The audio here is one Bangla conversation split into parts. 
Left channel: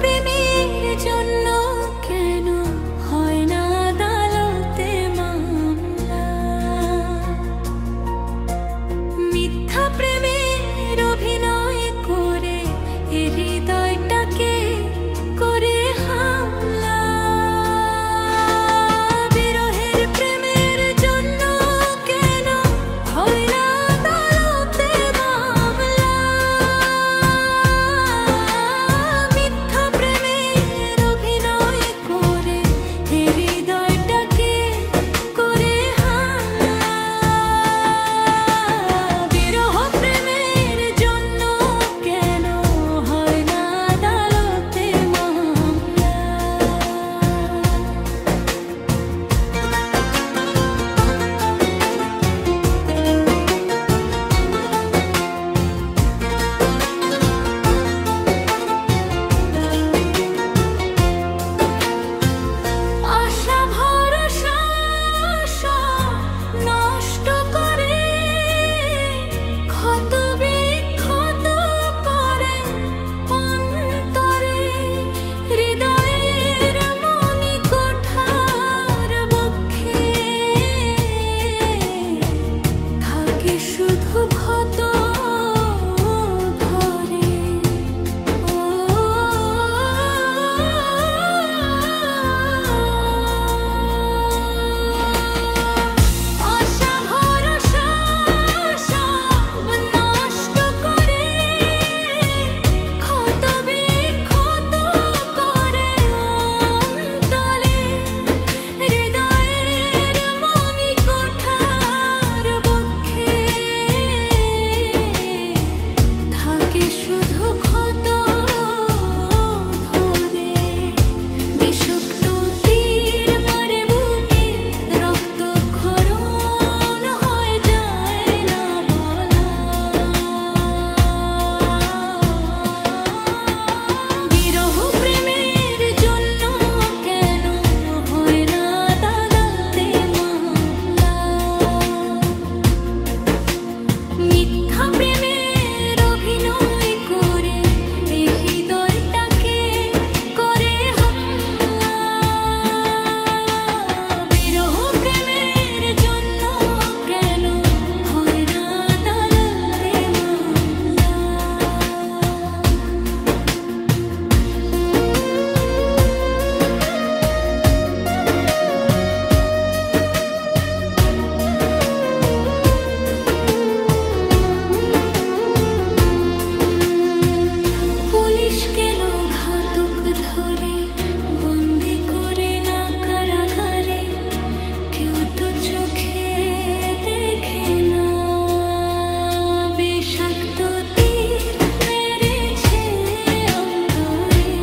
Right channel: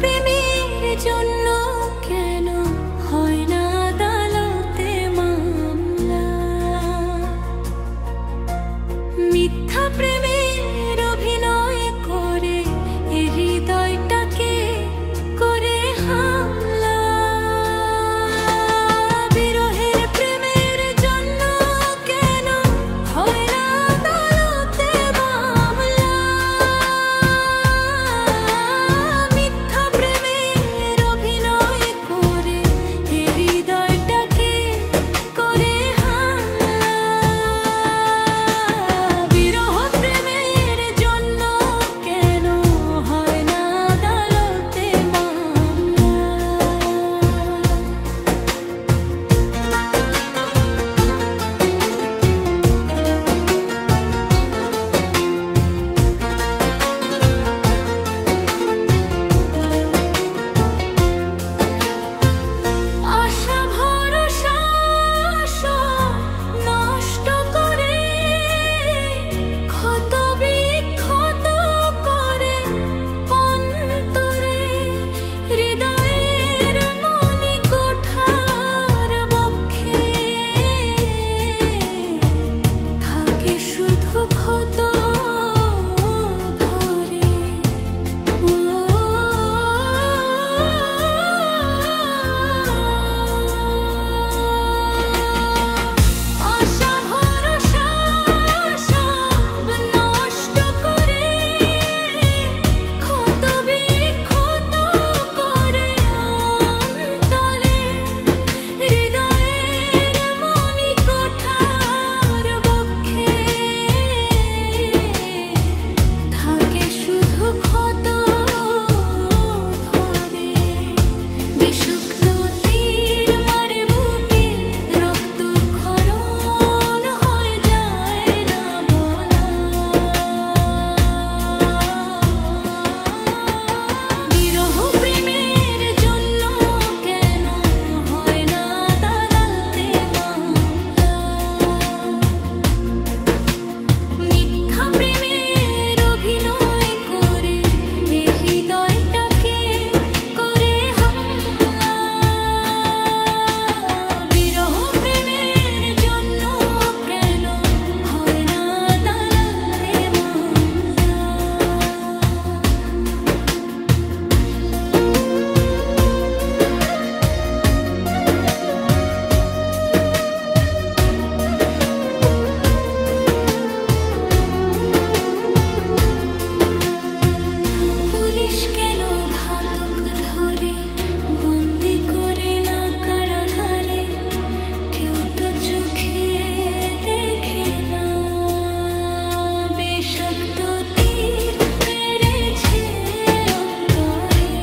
প্রেমের জন্য কেন হয় না আদালতে মামলা? মিথ্যা প্রেমের অভিনয় করে এ হৃদয়টাকে করে হামলা। বিরহের প্রেমের জন্য কেন হয় না আদালতে মামলা? মিথ্যা প্রেমের অভিনয় করে এ হৃদয়টাকে করে হামলা। বিরহ প্রেমের জন্য কেন হয় না আদালতে মামলা? আশা ভরসা সব নষ্ট করে, ক্ষত বিক্ষত করে অন্তরে। হৃদয়ের মণিকোঠার বক্ষে থাকে শুধু ক্ষত ধরে। আশা ভরসা সব নষ্ট করে, ক্ষত বিক্ষত করে অন্তরে। হৃদয়ের মণিকোঠার বক্ষে থাকে শুধু ক্ষত ধরে। বিষাক্ত তীর মারে বুকে, রক্তক্ষরণ হয়ে যায় না বলা। বিরহ প্রেমের জন্য কেন হয় না আদালতে মামলা? মিথ্যা প্রেমের অভিনয় করে এ হৃদয়টাকে করে হামলা। বিরহ প্রেমের জন্য কেন হয় না আদালতে মামলা? পুলিশ কেন ঘাতক ধরে বন্দি করে না কারাগারে? কেউ তো চোখে দেখে না। বিষাক্ত তীর মেরেছে অন্তরে।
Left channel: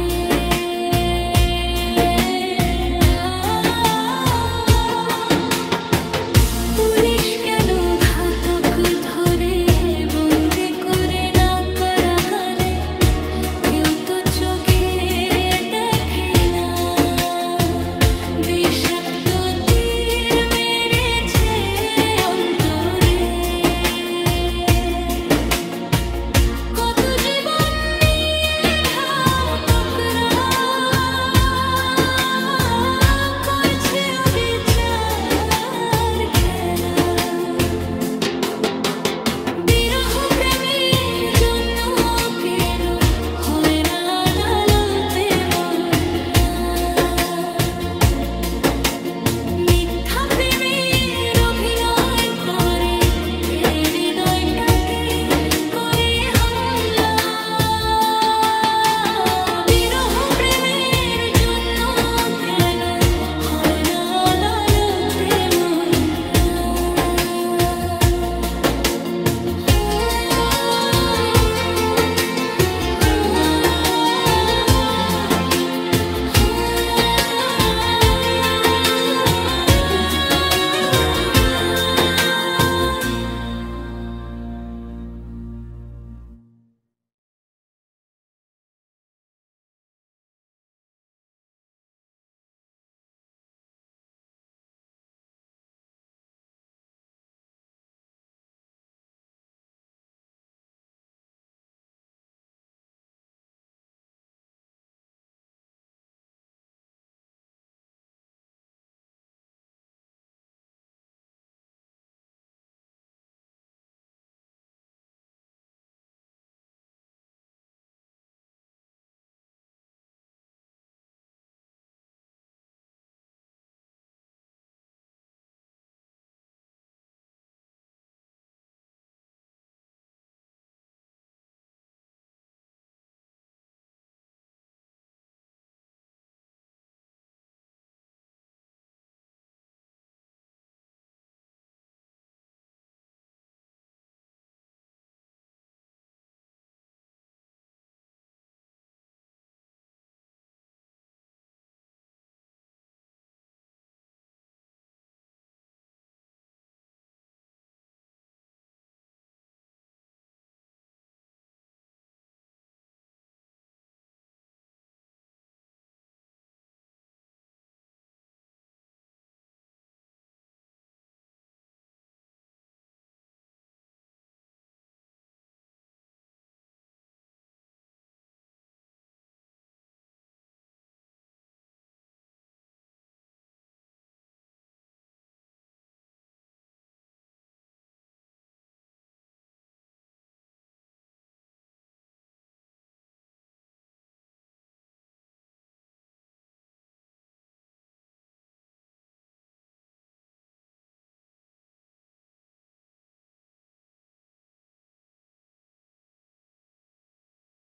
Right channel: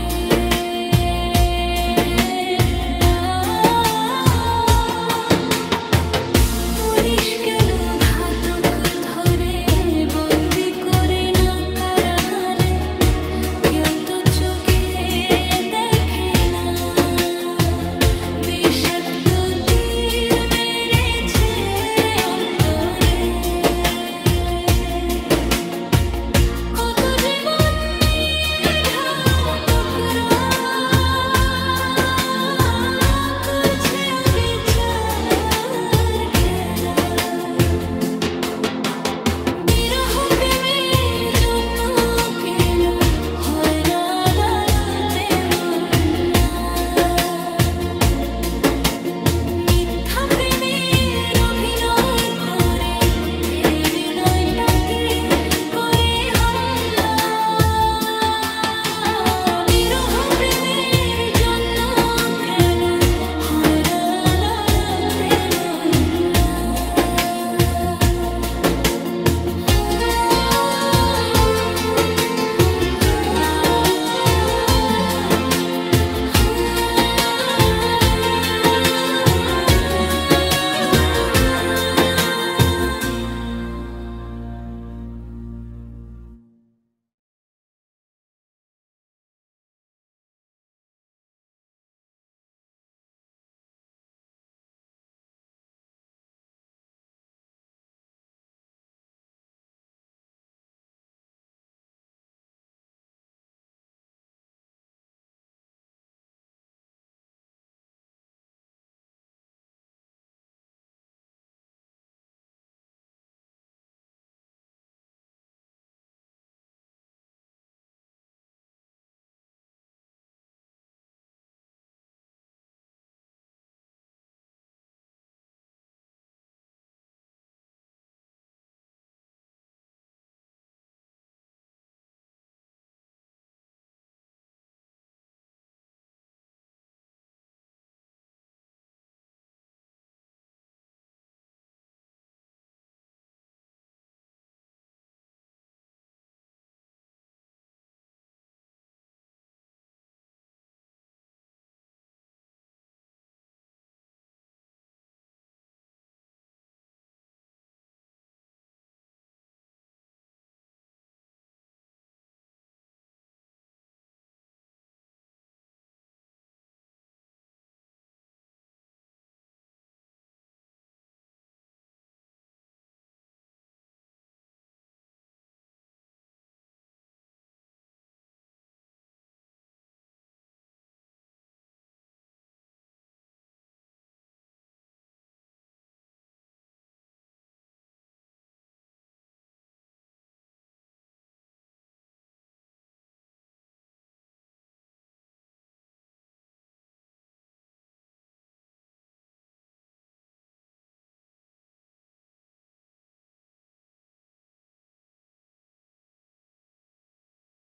পুলিশ কেন ঘাতক ধরে বন্দি করে না কারাগারে? কেউ তো চোখে দেখে না। বিষাক্ত